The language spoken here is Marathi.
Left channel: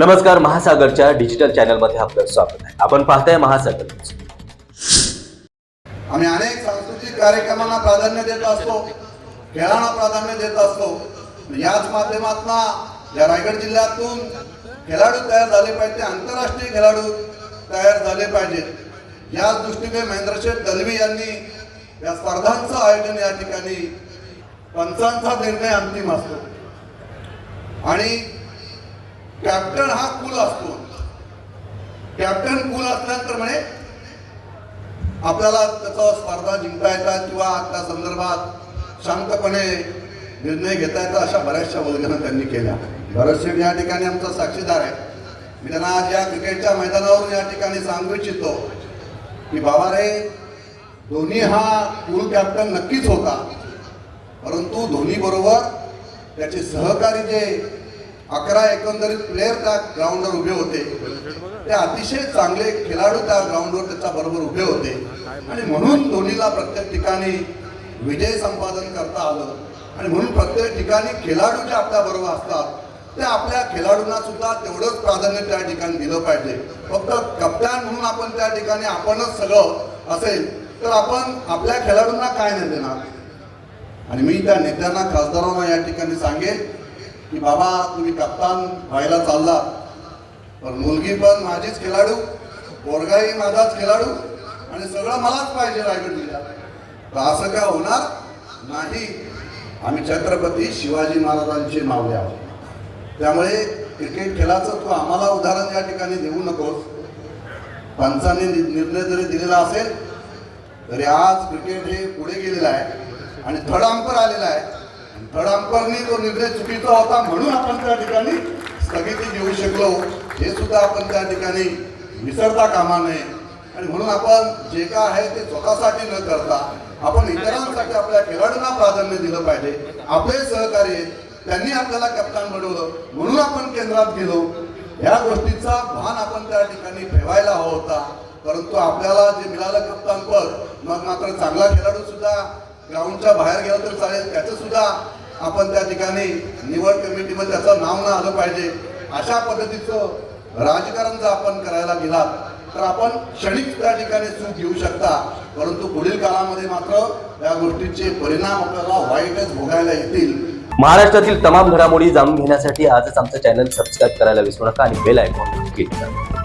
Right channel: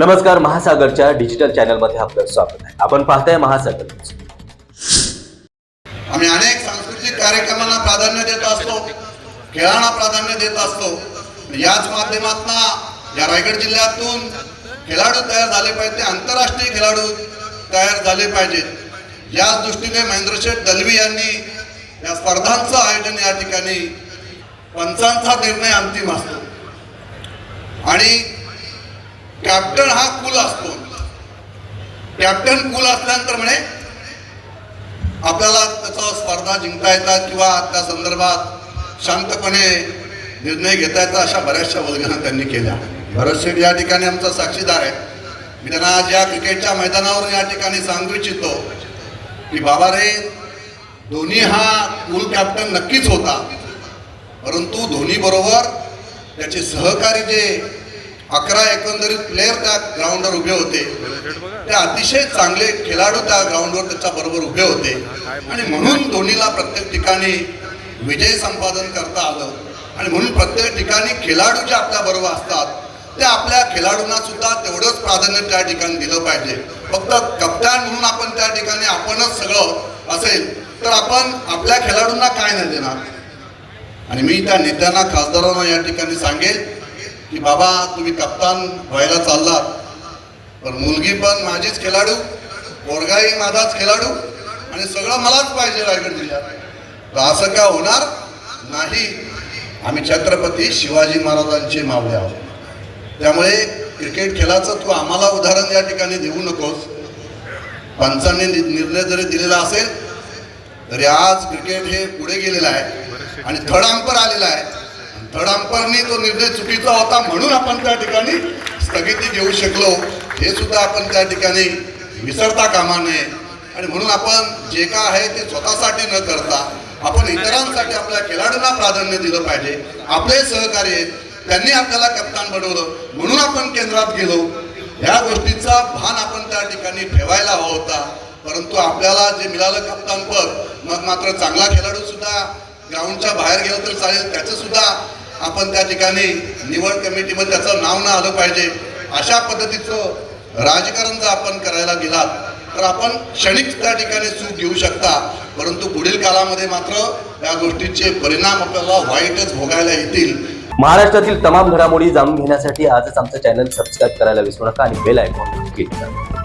नमस्कार महासागरच्या डिजिटल चॅनलमध्ये आपलं स्वागत आहे. आपण पाहताय महासागर आम्ही अनेक सांस्कृतिक कार्यक्रमांना प्राधान्य देत असतो खेळांना प्राधान्य देत असतो. याच माध्यमातून या रायगड जिल्ह्यातून खेळाडू तयार झाले पाहिजे आंतरराष्ट्रीय खेळाडू तयार झाले पाहिजेत. याच दृष्टीने महेंद्रशेठ दलवी यांनी या स्पर्धांचं आयोजन या ठिकाणी पंचांचा निर्णय अंतिम असतो. आणि कॅप्टन हा कुल असतो. कॅप्टन कुल असल्यानंतर म्हणे आपल्याला त्याचा स्पर्धा जिंकता येतात किंवा त्या संदर्भात शांतपणे निर्णय घेता येतात अशा बऱ्याचशा वल्गना त्यांनी केल्या. भरत शेठ या ठिकाणी आमचा साक्षीदार आहे. मी त्यांना आज या क्रिकेटच्या मैदानावरून या ठिकाणी सांगू इच्छितो की बाबा रे धोनी हा कुल कॅप्टन नक्कीच होता. परंतु धोनी बरोबर त्याचे सहकारी जे अकरा एकंदरीत प्लेयर त्या ग्राउंडवर उभे होते. ते अतिशय चांगले खेळाडू त्या ग्राउंडवर त्याच्या बरोबर उभे होते. आणि म्हणून धोनीला प्रत्येक ठिकाणी विजय संपादन करता आलं. आणि म्हणून प्रत्येक ठिकाणी खेळाडू जे आपल्या बरोबर असतात ते आपल्या खेळाडूंना सुद्धा तेवढंच प्राधान्य त्या ठिकाणी दिलं पाहिजे. फक्त कप्तान म्हणून आपण त्या ठिकाणी आपणच सगळं असेल तर आपण आपल्या खेळाडूंना काय नाही देणार. आणि मी त्या नेत्यांना खासदारांना या ठिकाणी सांगेन की बाबा तुम्ही कप्तान व्हायला चाललात तर मुलगी पण माझीच खेळाडू पोरगाही माझाच खेळाडू आणि सगळं मलाच पाहिजे रायगड जिल्ह्यात तर असं का होणार? नाही. आम्ही छत्रपती शिवाजी महाराजांचे मावळे आहोत. त्यामुळे क्रिकेट खेळाचं तू आम्हाला उदाहरण या ठिकाणी देऊ नकोस. पंचांनी नि- निर्णय जरी दिलेला असेल तरी आज क्रिकेट हे पुढे गेलेलं आहे आणि थर्ड अंपर आलेला आहे. थर्ड तो निर्णय चुकीचा होता म्हणून आपण त्या ठिकाणी स्थगिती घेऊ शकलो. हे सुद्धा आपण त्या ठिकाणी विसरता कामा नये. आणि म्हणून आपण जे काय आहे ते स्वतःसाठी न करता आपण इतरांसाठी आपल्या खेळाडूंना प्राधान्य दिलं पाहिजे. आपले सहकार्य आहेत. त्यांनी आपल्याला कप्तान बनवलं. म्हणून आपण केंद्रात गेलो. या गोष्टीचा भान आपण त्या ठिकाणी ठेवायला हवा होता. परंतु आपल्याला जे मिळालं कप्तान पद मग मात्र चांगला खेळाडू सुद्धा ग्राउंडच्या बाहेर गेलं तरी चालेल. त्याचं सुद्धा आपण त्या ठिकाणी निवड कमिटीमध्ये त्याचं नाव न आलं पाहिजे. अशा पद्धतीचं राजकारण जर आपण करायला गेलात तर आपण क्षणिक त्या ठिकाणी चूक घेऊ शकता. परंतु पुढील काळामध्ये मात्र या गोष्टीचे परिणाम आपल्याला वाईटच भोगायला येतील. महाराष्ट्रातील तमाम घडामोडी जाणून घेण्यासाठी आजच आमचं चॅनल सबस्क्राईब करायला विसरू नका आणि बेल आयकॉन क्लिक करा.